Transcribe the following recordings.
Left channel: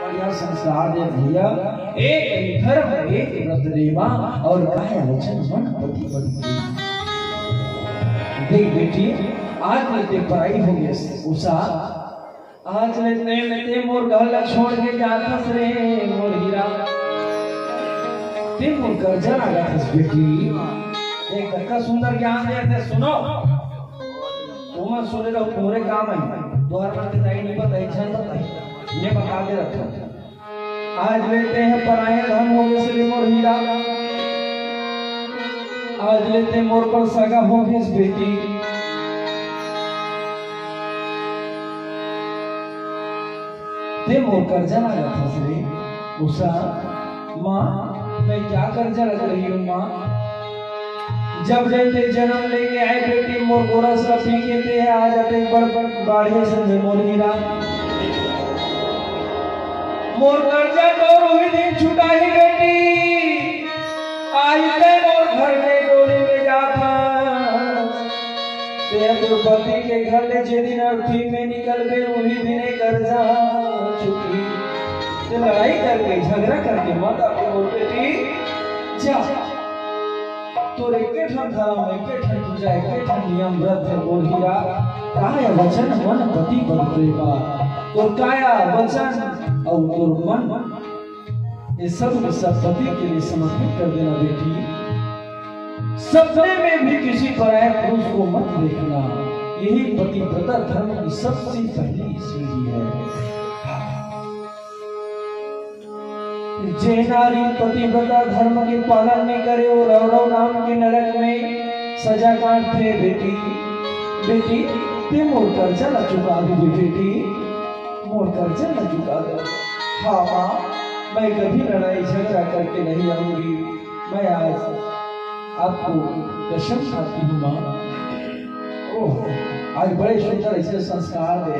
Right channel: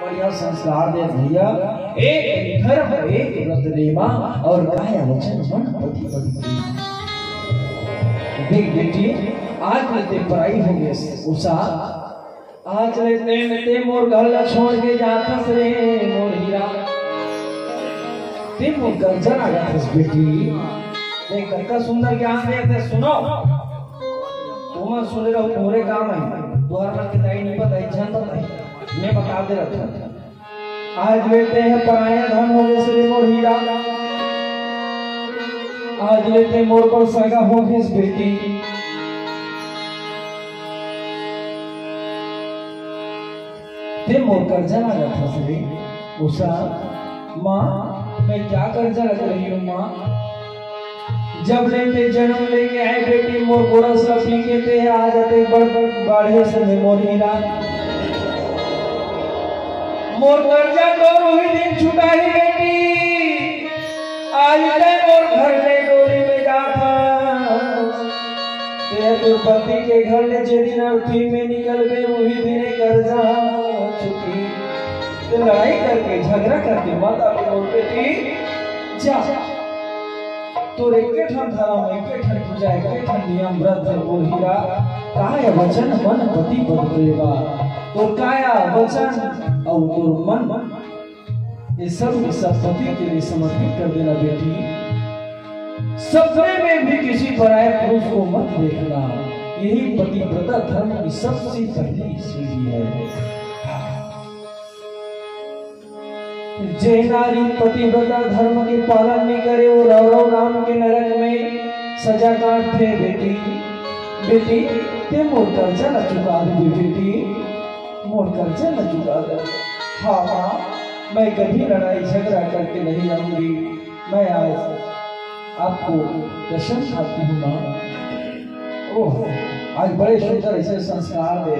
बढ़िया संस्कार दे भैया। एक धर्म एक व्रत देवा और काया वचन मन पति पति। देख बेटी आज लेते पढ़ाई हो गई उषा आज लेते मोर घर छोड़ के जाथस रे मोर हीरा ते मोर गर्जन आ जाथस बेटी। देख कितना सुंदर ज्ञान देते सुनो तुम सुने रहो पूरे काम है द्वार पर बताई नहीं बताई जान बताई मैं बता दे रखा। आज लेते हैं पराए धन हो गए श्री मोर हीरा आज लेते मोर पर सगा हो गए बेटी। ते मोर कर्जा ना जाता श्री उषा माँ मैं क्या कर्जा लग रही हूँ माँ। जब जैसे जन्म लेके आए बेटी मोर गोरा सा पी के थे आ जाते बड़ बाढ़े से मोर हीरा मोर कर्जा तो वही दिन छुटाई बेटी। आज ते मोर घर में डोली में जाता ते तो पति के घर ले जे दिन अर्थी में निकल गए वही दिन कर्जा चुकी। तो लड़ाई करके झगड़ा करके मत अपनी बेटी जा तो एके ठन धर्म एके ठन पूजा एके ठन नियम व्रत मोर हीरा काय वचन मन पति पद प्रेमा। तो काया वचन और तोर मन ये सब के सब पति के लिए समर्पित कर देना बेटी। सपने में भी किसी पराये पुरुष को मत देखना यही पतिव्रता धर्म की सबसे पहली सीढ़ी है। जे नारी पतिव्रता धर्म के पालन नहीं करे वो रौरव नाम के नरक में सजा काटते बेटी। बेटी ते मोर कर्जा न चुका दे बेटी मोर कर्जा न चुका दे। हाँ माँ मैं कभी लड़ाई झगड़ा करके नहीं आऊंगी। मैं आज आपको कसम खाती हूँ माँ। ओह आज बड़े सुंदर ऐसे संस्कार दे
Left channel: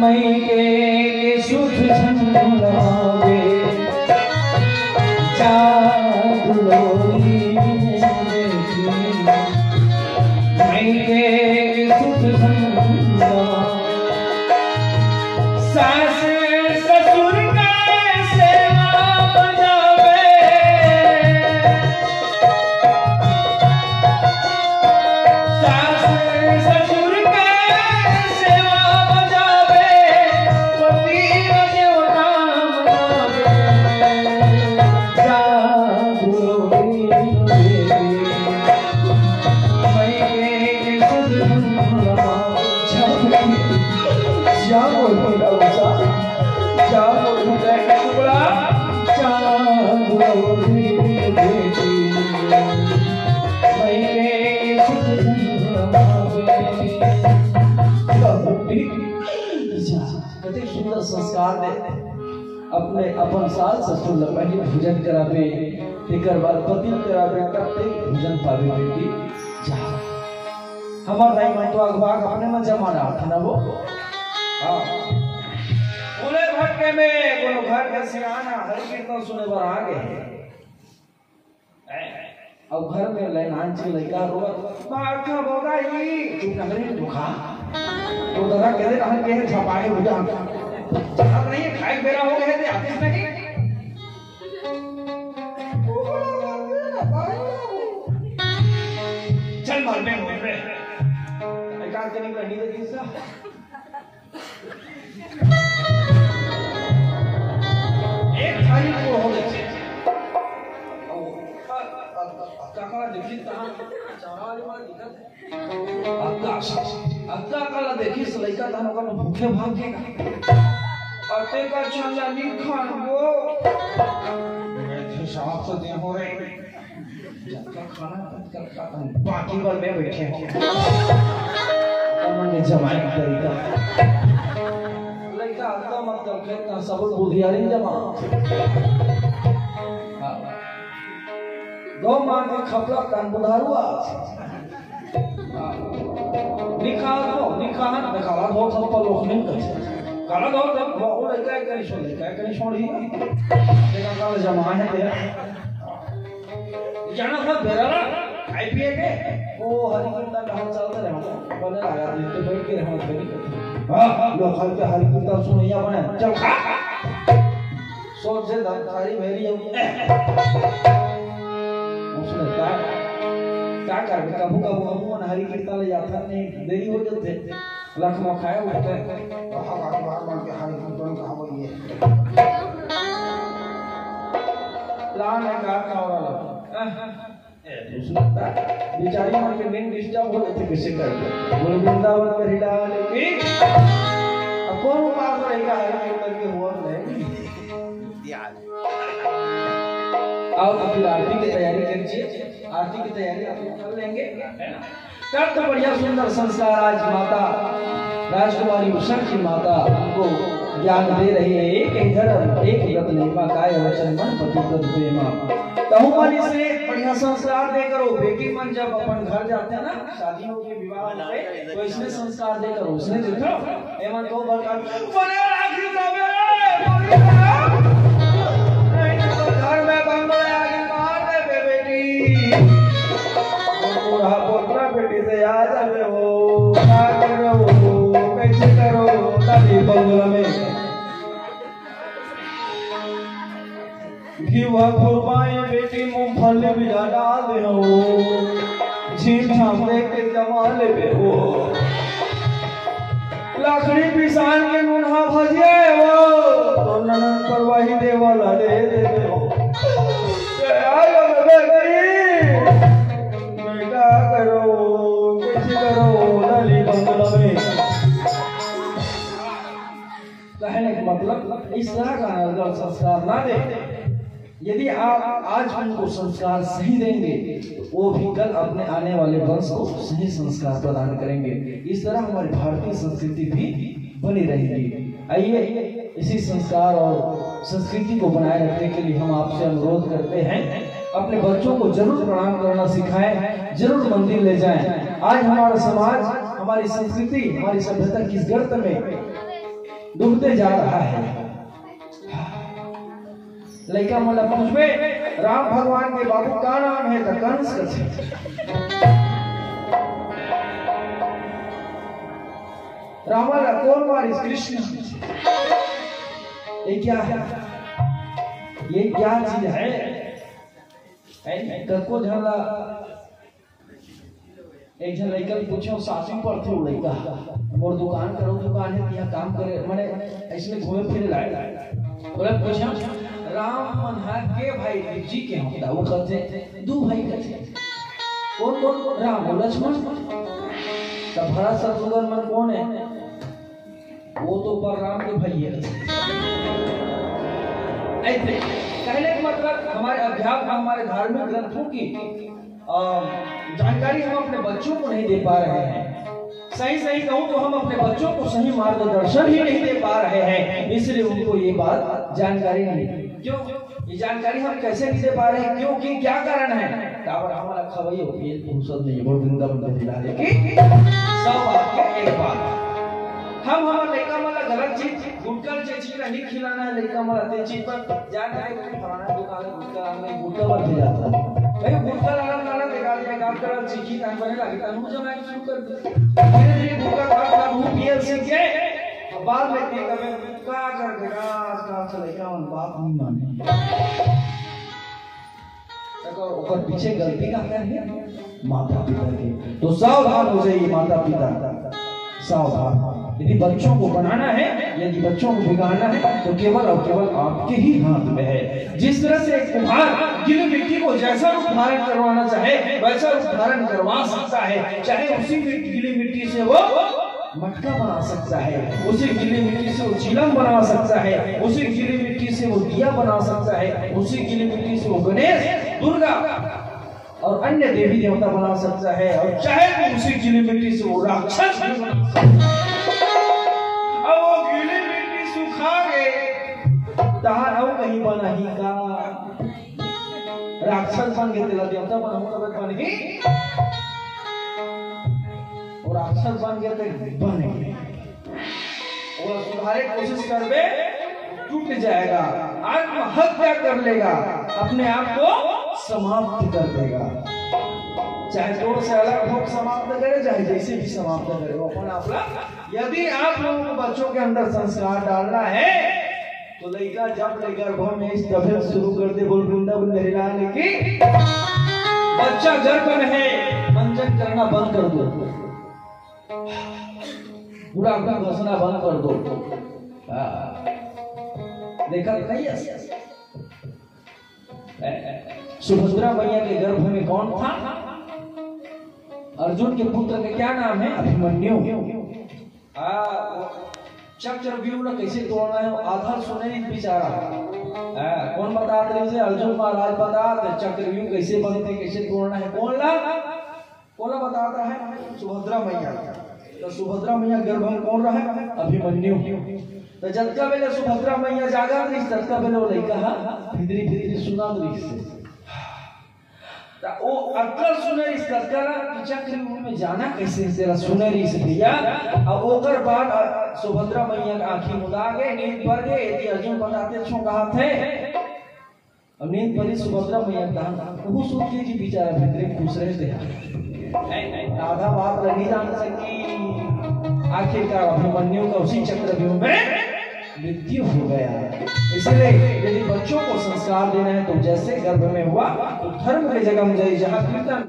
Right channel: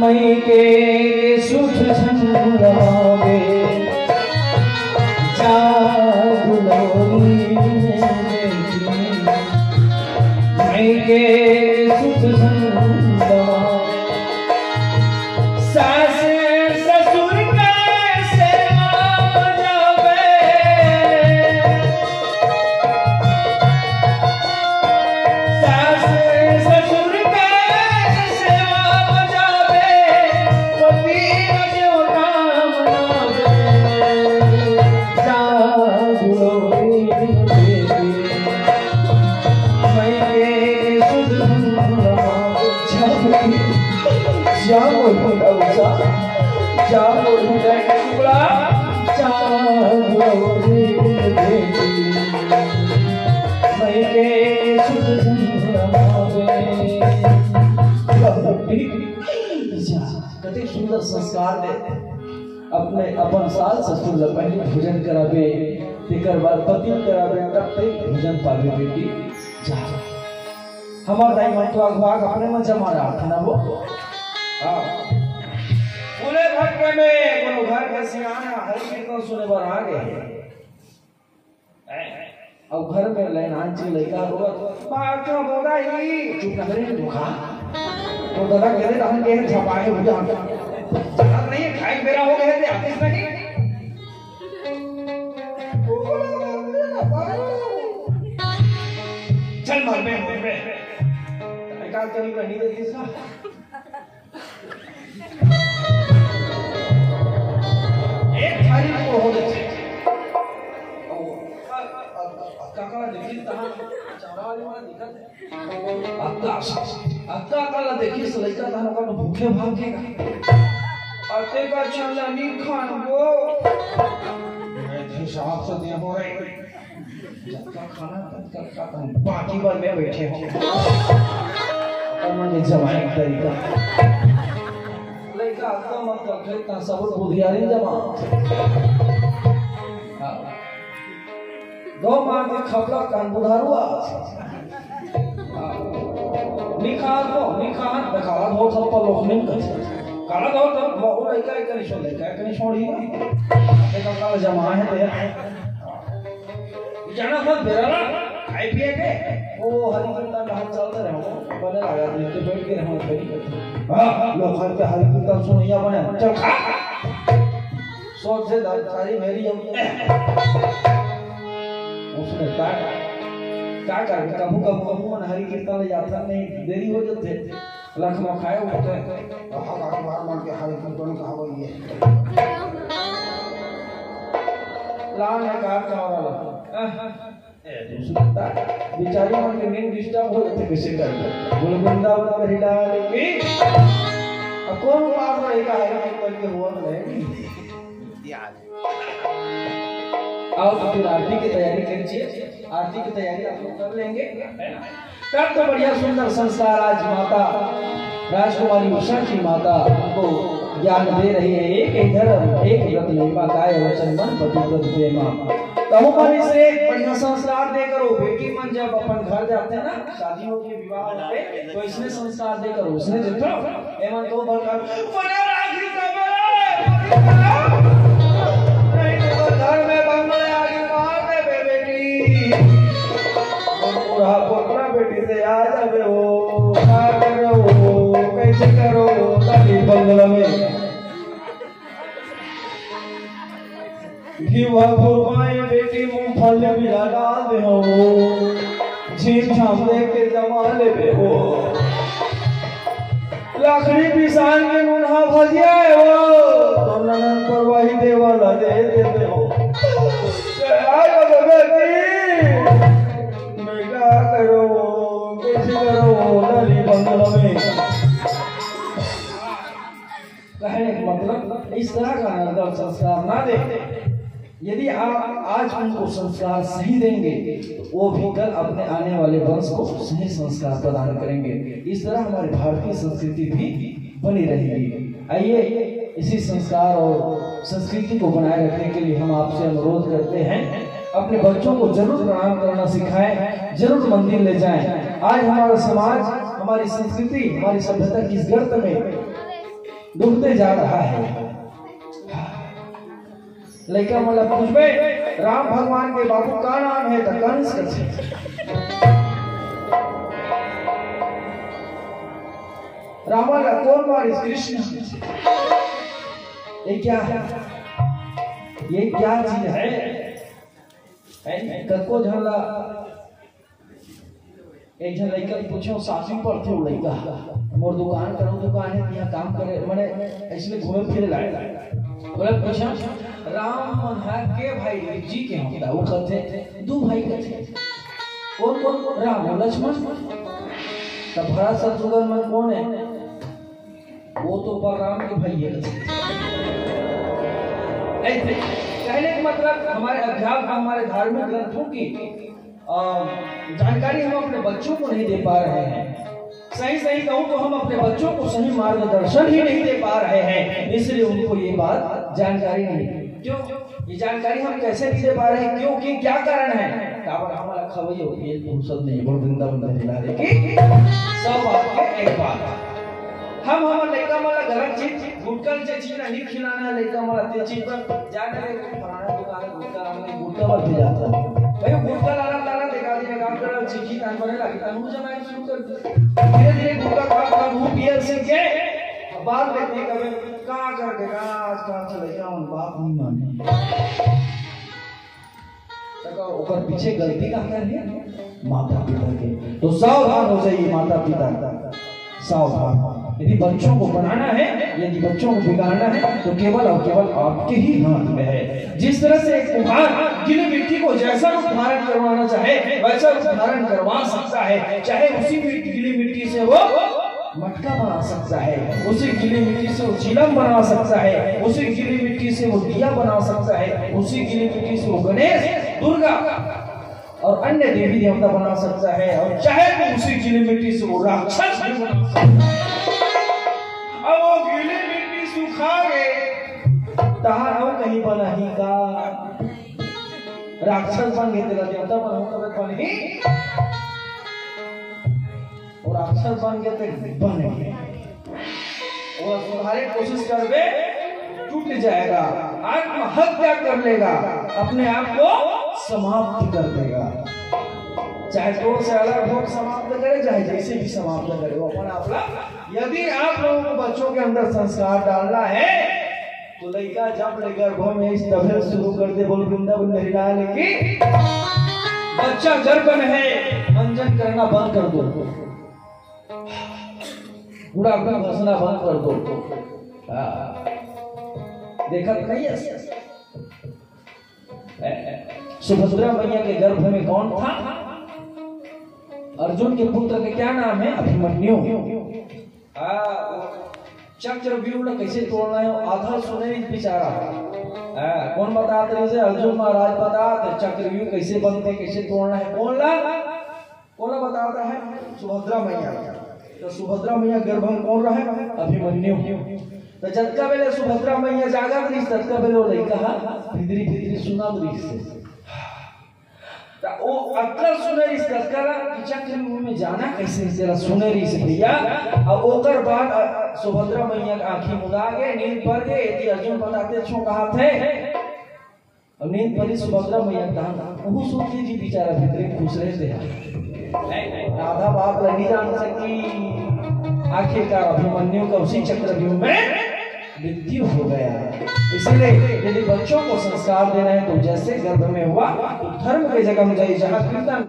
मई के सुख झंडावे जागुलोरी मई के सुख झंडावे सास ससुर का सेवा बजावे सास ससुर का सेवा बजावे पति जो नाम जागुलोरी मई के सुख झंडावे जाओ बच्चा जाओ टुकड़ा जाओ बेटी मैं के सुख कते सुंदर संस्कार दे अपने अपन साल ससुर ल पहले भोजन करावे तेकर बाद पति करावे तब ते भोजन पावे बेटी जा हमार दाई मंटवा भाग अपने में जमा रहा ना वो पूरे भटके में कोनो घर के सिराना हर कीर्तन सुने बर आ गए। अब घर में लहरान से लड़का रोक मां का बोलाई चुप ना करे दुखा तो गला करे हम के छपाए बुझा जहां नहीं खाए बेरा हो गए थे आतिश नहीं चल मार में एकांत नहीं करनी दे किसका एक थाली को हो जाए काका देखी ता चावड़ा वाली वाला दिखत अक्का काला देखी लड़का तानो का भूखे भागे अते का चला नहीं खान वो मैं हिसाब से दे हो रे का खाना का बाकी बार में बैठे उन्होंने जमाई तरीका लड़का अक्का मत कर ता सब बुधियारी जमा दो मान के खपला कान बुधारुआ निखान दिखावा दो सब पर लोग नहीं करते काला दो तब वो लड़का एक नहीं छोड़ लेगा कहीं छोड़ी देखा काला जमा है ते जाना था बेरा ना आईपीए के वो वो हरी कीर्तन का हम चलते रहो बने लगा देते बैठ के रहो कभी हां लोग हर के हरी कीर्तन सुनिया बने चल सोच से सारी मेरी उसने क्या कर कबू मन हरी कीर्तन ले जाता नहीं देरी हो जाते लखनऊ खाए उठते हमारे बार मान के हरी कीर्तन का हो ये लान है का वाला दूसरा बेचारी मन के नींद डिस्टर्ब हो जाते कैसे कर बोले वृंदावन में हिला लेके अब कौन बात रहेगा हरी कीर्तन के हुआ नहीं आओ तो फिर आरती की तैयारी करिए आरती की तैयारी आप लोग कर लेंगे तब तो बढ़िया सुंदर संस्कार आज माता राजकुमारी उषा की माता हमको ज्ञान दे रही है एक इधर एक व्रत लेवा काय वचन मन पति पद प्रेमा कहूं मन से बढ़िया संस्कार दे करो बेटी मन जब अपन घर जाते हैं ना शादी हो के विवाह होते तो इसने संस्कार दे करो उसने देखो एमन तो बरकार बड़े राखी तबे घर में बंगला आगे मार दे बेटी पूरा पोपड़ा बेटी से आ जाते हो क्या करो कैसे करो ताली बंगला में घीवा खुरपाए बेटी मूंगफली भी डाल दे हो झीम झाम देख के जमा ले बे हो लकड़ी पिसान के मुन्हा भजिए हो तो ननन पर वही देवाला दे देते हो आयो बेटी मैं क्या करो कैसे करो लाली बंगला में कहने का मतलब इस तरह का नर्दन संस्कार ना दे यदि आप आज उनको संस्कार सही देंगे तो वो भी कल अपने आने वाले वंश को सही संस्कार प्रदान करेंगे इस तरह हमारी भारतीय संस्कृति भी बनी रहेगी आइए इसी संस्कार और संस्कृति को बनाए रखने के लिए हम आपसे अनुरोध करते हैं अपने बच्चों को जरूर प्रणाम करना सिखाएं जरूर मंदिर ले जाएं आज हमारा समाज हमारी संस्कृति हमारी सभ्यता किस गर्त में डूबते जा रहा है लेकिन मतलब पूछबे राम भगवान के बाबू का नाम है तो कंस कैसे रावण का कौन मारी कृष्ण ये क्या है ये क्या चीज है कको झला एक जन लड़का पूछो सासू पर थे लड़का मोर दुकान करो दुकान है यहाँ काम करे मैंने इसलिए घूमे फिरे लाए बोला पूछा राम मन है के भाई जी के होता वो कहते दो भाई कहते कौन कौन राम लक्ष्मण तब भरत शत्रुघ्न मन कौन है वो तो राम के भाई है ऐसे कहने का मतलब हमारे अध्यात्म हमारे धार्मिक ग्रंथों की जानकारी हम अपने बच्चों को नहीं दे पा रहे हैं सही सही कहूँ तो हम अपने बच्चों को सही मार्गदर्शन ही नहीं दे पा रहे हैं इसलिए उनको ये बात जानकारी नहीं क्यों ये जानकारी हम कैसे नहीं दे पा रहे हैं क्योंकि क्या कारण है काबर हमारा खवैयो फेल फुर्सत नहीं बोल वृंदावन दिला दे कि सब आपके एक बात हम हमारे लड़का वाला गलत चीज गुटकल से चीज नहीं खिलाना है लड़का वाला ते चीज पर जाने के खाना दुकान गुटका हमने गुटका पर भी जाता भाई गुटका लाना देखा दिया काम करो चिकी काम करने लगी तब जमाना शुरू कर दिया धीरे धीरे गुटका खा मुंह पियल से के बात लेते कभी का कर देगा आज का चलेगा हम बात नहीं माने तक ऊपर पीछे गलती का है माता पिता के तो सावधान हो जाइए माता पिता सावधान यदि बच्चों को बनाना है यदि बच्चों को बिगाड़ना है तो केवल और केवल आपके ही हाथ में है जिस तरह से एक कुम्हार गीली मिट्टी को जैसा रूप धारण करवाना चाहे वैसा रूप धारण करवा सकता है चाहे उसी गीली मिट्टी से वो मटका बना सकता है उसी गीली मिट्टी से वो चिलम बना सकता है उसी गीली मिट्टी से वो दिया बना सकता है उसी गीली मिट्टी से वो गणेश दुर्गा और अन्य देवी देवता बना सकता है और चाहे तो उसी गीली मिट्टी से वो राक्षस भी बना सकता है और वो गीली मिट्टी सुखा गए तहां कहीं बना ही का राक्षस बन गए तेरा देवता बन ही और अक्षर बन गए थे बन गए और तुम्हारे कोशिश कर दे टूट जाएगा आत्महत्या कर लेगा अपने आप को समाप्त कर देगा चाहे दो से अलग भोग समाप्त करे, चाहे जैसे भी समाप्त करे वो अपना अपना। यदि आप लोगों को बच्चों के अंदर संस्कार डालना है तो लड़का जब ले गर्भ में इस तफल शुरू कर दे, बोल वृंदावन हरिलाल की बच्चा गर्भ में है, मंजन करना बंद कर दो, पूरा अपना घसना बंद कर दो। देखा नहीं है सुभद्रा मैया के गर्भ में कौन था? अर्जुन के पुत्र का क्या नाम है? अभिमन्यु। चक्रव्यूह कैसे तोड़ना है आधा सुने बेचारा। कौन बताते हैं? अर्जुन महाराज बताते चक्रव्यूह कैसे बनते, कैसे तोड़ना है। कौन बताता है? सुभद्रा मैया। तो सुभद्रा मैया गर्भ में कौन रहा? अभिमन्यु। तो जब बेले सुभद्रा मैया जागा थी, तब बेले वो लड़का भितरी भितरी सुना से वो अक्ल सुनेरी चक्रव्यूह में जाना कैसे तेरा सुनेरी से भैया। अब ओकर बाद सुभद्रा मैया आंखें मुदा के नींद पर गए। यदि अर्जुन बताते छो कहा थे, अब नींद पर सुभद्रा मैया कहा वो सोचिए जी बेचारा भीतर खुश रहे थे, आधा बात नहीं जान सकी। आखिरकार अभिमन्यु का उसी चक्रव्यूह में मृत्यु हो गया। इसलिए यदि बच्चों को संस्कार देना है तो जैसे गर्भ में हुआ तो धर्म के जगह में जाए जहाँ कीर्तन